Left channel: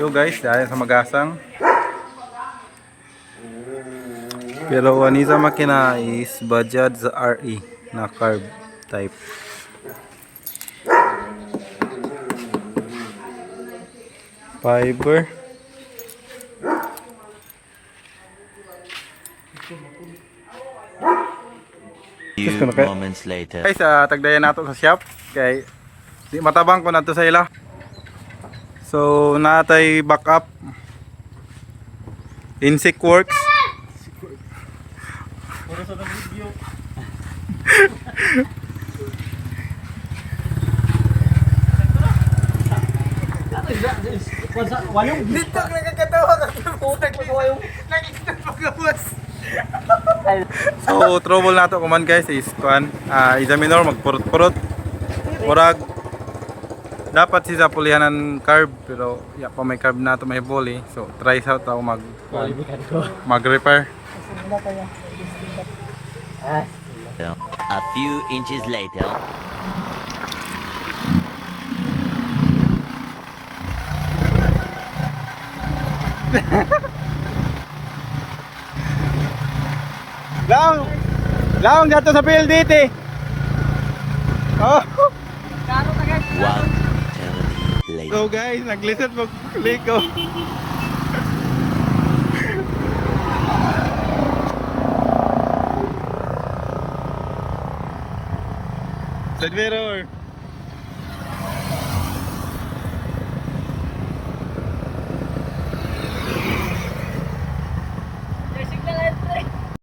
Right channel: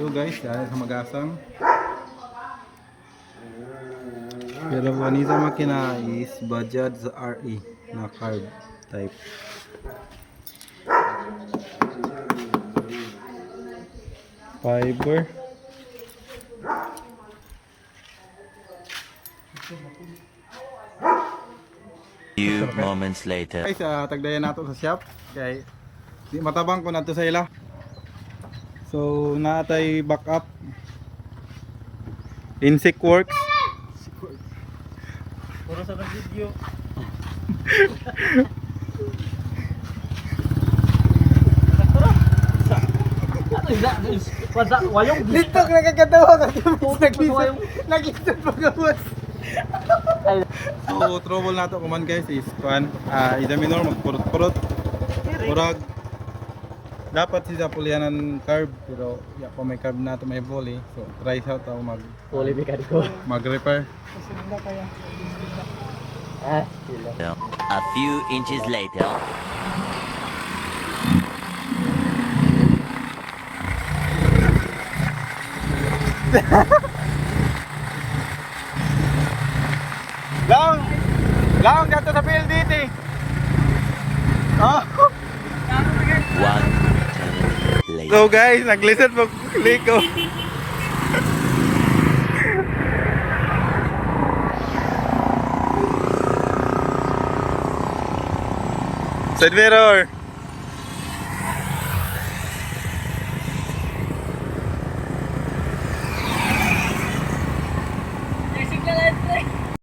Yo guys, dahil sa magasang. Pero anisa makina is Bajaj RE na carb type. Fiber. Few moments later. Guys, tagdayan nato sa shop kay di matabang ko nato sa ila. So natay backup Insect Works. Puro sa video. Wayong Dito nakakatawa ka. Nakita pagabas. So trouble nato kuman guys is kuan examiner magpurot-purot. Murag dapat siya pulihanan carb pero ya pa may carb nato may boli. So try sa tao Poli mekaniko. mag-repair. A few inches later. Laong dito sa PLDT. Oh. 1 eternity later. So guys, nag-listen po ko. Side mirror.